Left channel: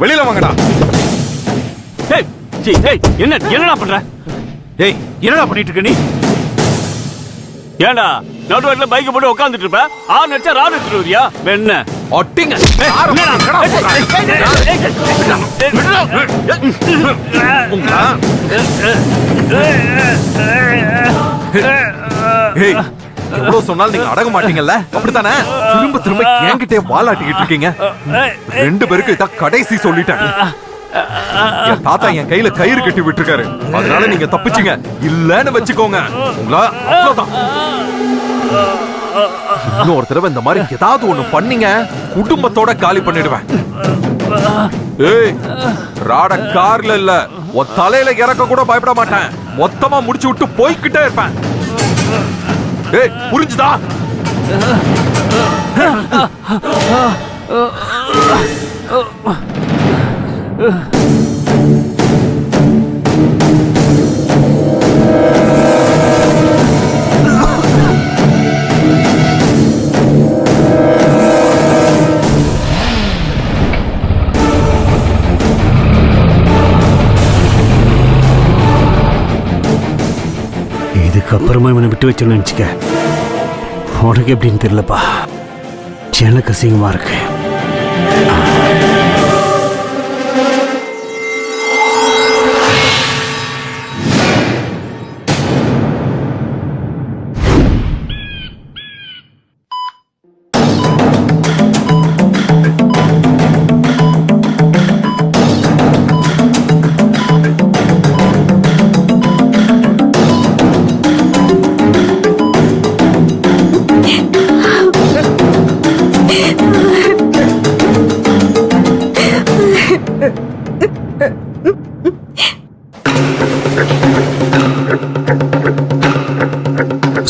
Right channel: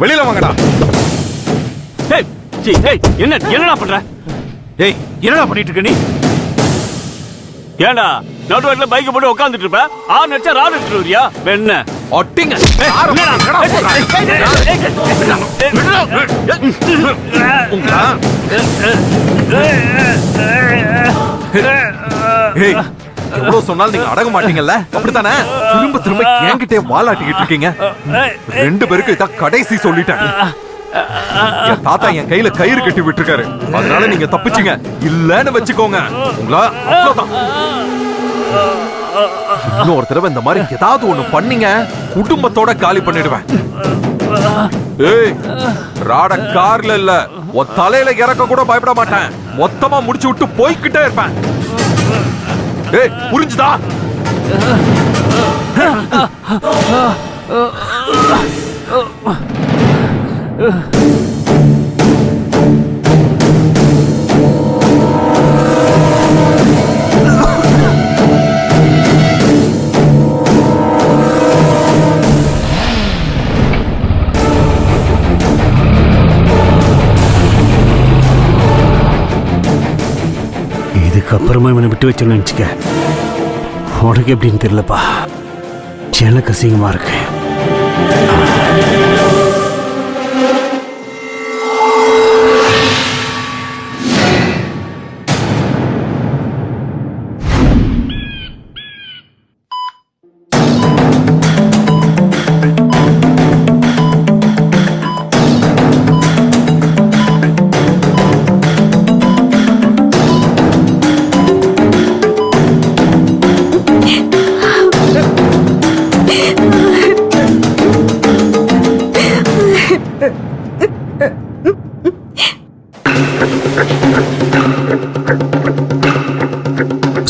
வெளியில வாங்கடா. என்னடா பண்ற? ஏய், என்னடா பண்ணிட்டு இருக்க நீ? ஏண்டா நடுவர்ல பைக் போட்டு உட்கார்ந்துட்டு இருப்ப, ஆறு நடிச்சா ராடு எடுத்துட்டு வரியா? என்ன ஒட்டிங்க. எவ்வளவு சொன்னாலும் நீங்க அடங்க மாட்டீங்கல்ல, அப்படித்தானே? திரும்ப திரும்ப என்கிட்டே வாலாட்டிக்கிட்டு இருக்கீங்க. ரெண்டு பேருக்கு இதான் கடைசி சொல்லிட்டேன். என் தாத்தா என் கையில கயிறு கட்டி விட்டுருக்காரு, அதனால நீங்க தப்பிச்சீங்க. இல்லன்னு வச்சுக்கோங்க, உங்களா அவ்வளவுதான். இன்னொரு தடவை இந்த மாதிரி ஏதாவது ஒண்ணு பண்ணீங்க, குடும்பத்தோட காலி பண்ணிடுவேன். ஏய், ராட கார்ல இல்ல, உன் தலையில இறக்க கூட பயப்பட மாட்டேன். மொத்தமா முடிச்சு விட்டு போய்கிட்டே இருப்பேன். ஏய், புரிஞ்சுதா? இதுக்கப்புறமா இவனை விட்டு வச்சோன்னு நினச்சிக்க, உனக்கு எப்படின்னு தெரியலப்பா. எனக்கு அசிங்கமா இருக்கு.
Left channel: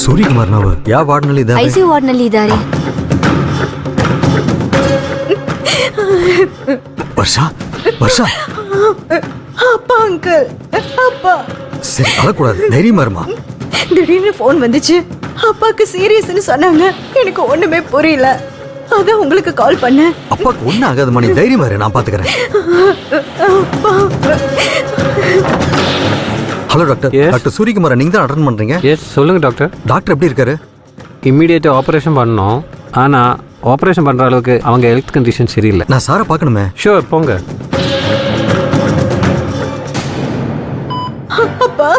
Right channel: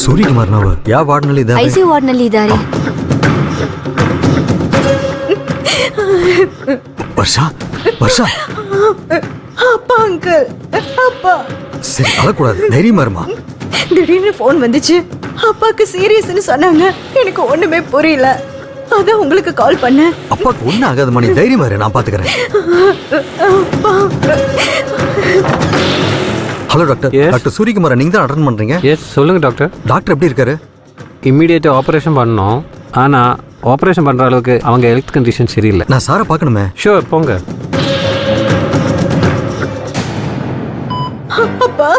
ಸೂರ್ಯಕುಮಾರ್ ನಾವು ಯಾವ ವಾರ್ಡ್ನಲ್ಲಿ ಇದ್ದಾರೆ? ಐಸಿಯು ವಾರ್ಡ್ನಲ್ಲಿ ಇದ್ದಾರೆ. ವರ್ಷಾ ವರ್ಷಾ அப்பா அங்கிள், அப்பா. சரி, அழக்கூடாது, தைரியமா இருமா. திடீர்னு போன் வந்துச்சு, அப்பாக்கு சீரியஸ்னு சொன்னாங்க. எனக்கு ஒண்ணுமே புரியல, அதான் உங்களுக்கு கால் பண்ணேன். அப்பாக்கு ஒன்னும் ஆகாதுமா, நீ தைரியமா இரு, நான் பாத்துக்கிறேன். அப்பா. Hello doctor. டாக்டர் சூரியகுமார், நீங்க தான் அட்டெண்ட் பண்றீங்க? எஸ், சொல்லுங்க டாக்டர். டாக்டர் எப்படி இருக்காரு? இம்மிடியேட்டாக ஆப்ரேஷன் பண்ணோம், ஆனால் ஆப்ரேஷன் பண்ணுற அளவுக்கு அவங்க ஹெல்த் கண்டிஷன் சரியில்லை. நான் சாரை பார்க்கணுமே. ஷூர், போங்க. அப்பா.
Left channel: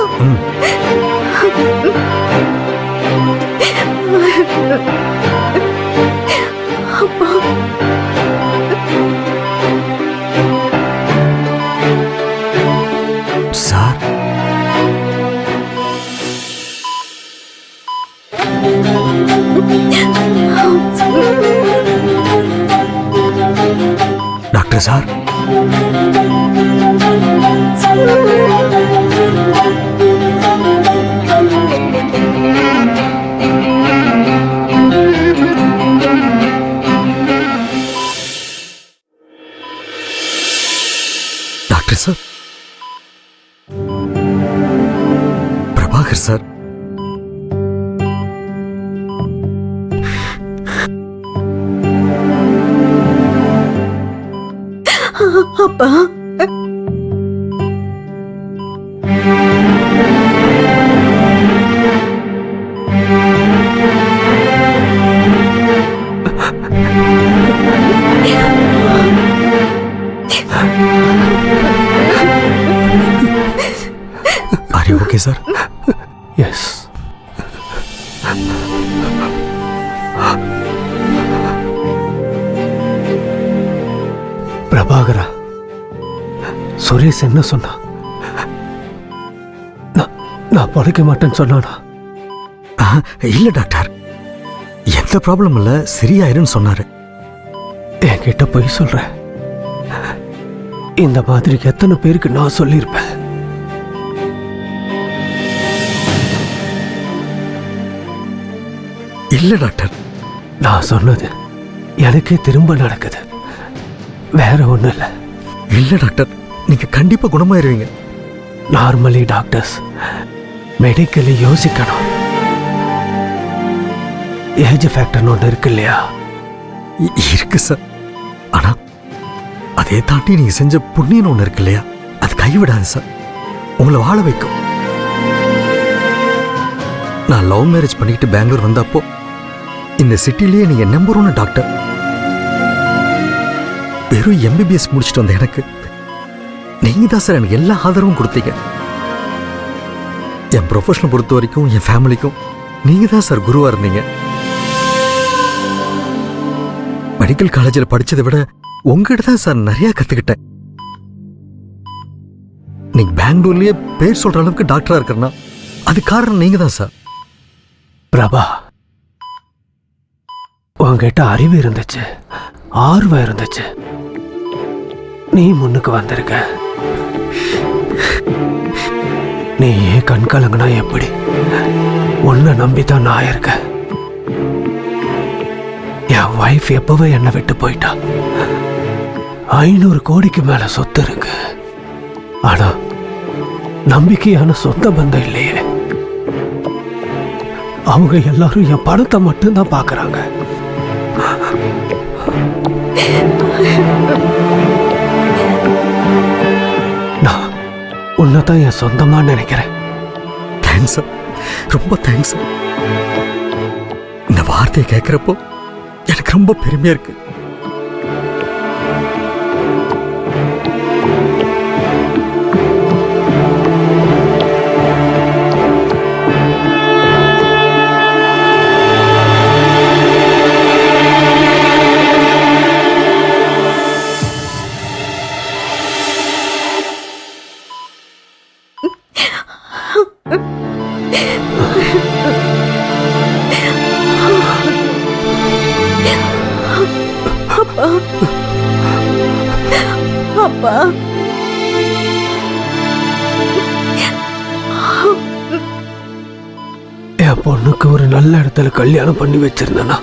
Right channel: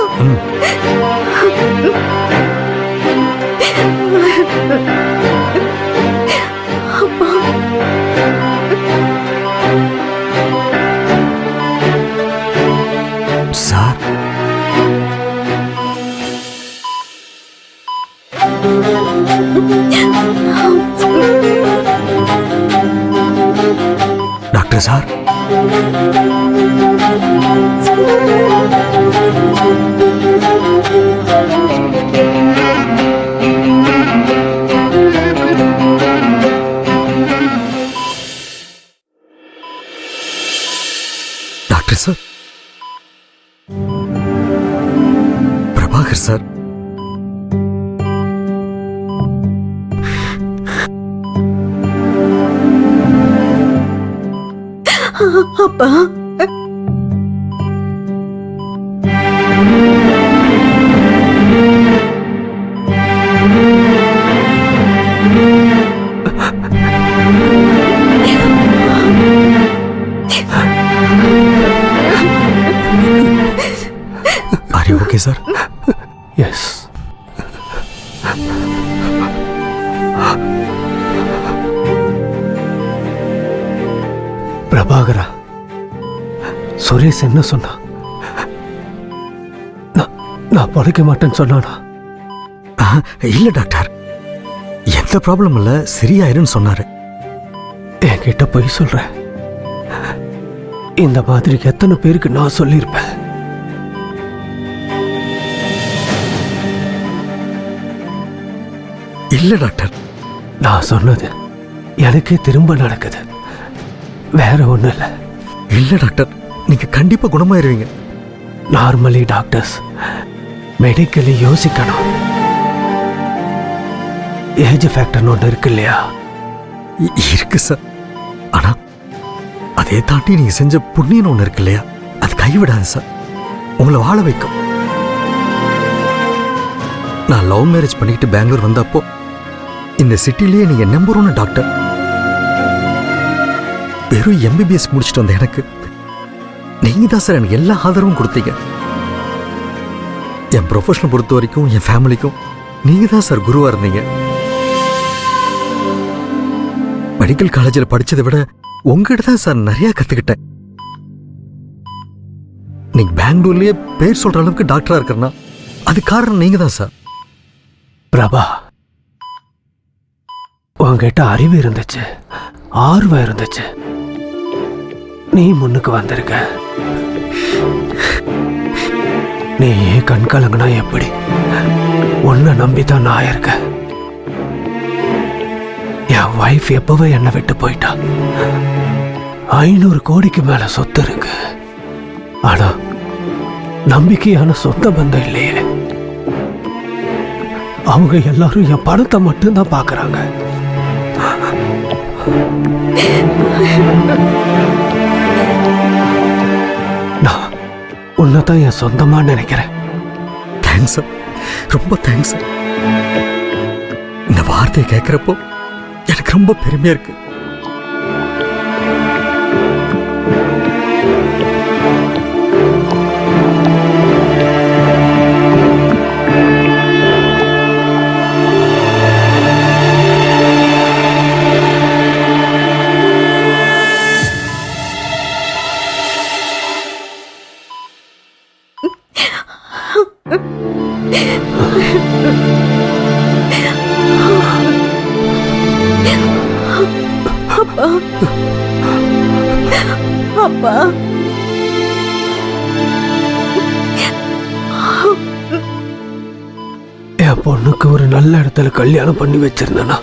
அப்பா. Sir, doctor sir. Doctor sir, Prabhakar sir. அப்பா. Are you okay, sir? Yes. பிரபாகரா, சுரேஷ் என்ன சொன்னா? நான் பழைக்க மாட்டேன்னு சொன்னானா? இல்ல டாக்டர், எந்த ப்ராப்ளம் இல்ல, சரியாயிருன்னு சொன்னாரு. என்கிட்ட போய் சொல்ற. இந்த மாதிரி எத்தனை பேருக்கு நான் சொல்லியிருப்பேன். இல்ல டாக்டர், நான் சொன்னது எனக்கே திரும்ப நடக்குது, வேற ஒண்ணும் இல்லை. இல்ல டாக்டர், நீங்க கண்டிப்பா குணமாயிருவீங்க. நார்மலி டாக்டர்ஸ் மெடிக்கலி யோசிக்கணும். ஏஜ் ஃபேக்டர்னு ஒன்று இருக்கு இல்லையா? இருக்கு சார். ஆனா அதே தாண்டி நீங்க செஞ்ச புண்ணியன்னு ஒண்ணு இருக்கு இல்லையா, அது கைவிடாது சார், உங்களை வாழ வைக்கும். நான் லவ் மேரேஜ் பண்ணிக்கிட்டு பெங்களூர் வந்தப்போ இந்த சிட்டிலேயே நீங்க நம்பர் 1 டாக்டர். வெறும் எம்பிபிஎஸ் முடிச்சுட்டு வந்த எனக்கு நீங்க தான் சார் எனக்கு எல்லா ஆதரவும் கொடுத்தீங்க. என் ப்ரொஃபஷனல் பொறுத்த வரைக்கும் என் ஃபேமிலிக்கும் நீங்க தான் சார் குருவா இருந்தீங்க. மெடிக்கல் காலேஜில் படிச்சதை விட உங்ககிட்ட தான் சார் நிறைய கத்துக்கிட்டேன். நீங்க பெங்களூர்லயே பேர் சொல்ற அளவுக்கு டாக்டரா இருக்கிறனா அது காரணம் நீங்க தான் சார். பிரபா, உங்ககிட்ட அறிவு இருந்துச்சு, ஆர்வம் இருந்துச்சு, நீ முன்னுக்கு வந்திருக்க. நீ ஏன் கண் கலங்கினா எப்படி? உன்னை நம்பித்தான் நான் இருக்கேன். என் வைஃப் எப்பவே என்னை விட்டு போயிட்டா. 500 கோடிக்கு மேல சொத்து இருக்கு, ஆனா நம்பிக்கையான சொந்த பந்தம் இல்லையே. அவங்க எல்லாரும் என் பணத்தை மட்டும்தான் பாக்குறாங்க. நான் உன்னைத்தான் என் சொந்தமா நினைக்கிறேன். தேங்க்ஸ் சார், ரொம்ப தேங்க்ஸ் சார். இந்த வார்த்தையை கேட்கிறப்போ எனக்கு ரொம்ப பெருமையா இருக்கு. அப்பா, என் பொண்ணுக்கு ஒரு நல்ல இடத்துல கல்யாணம் பண்ணி வச்சிருந்தேனா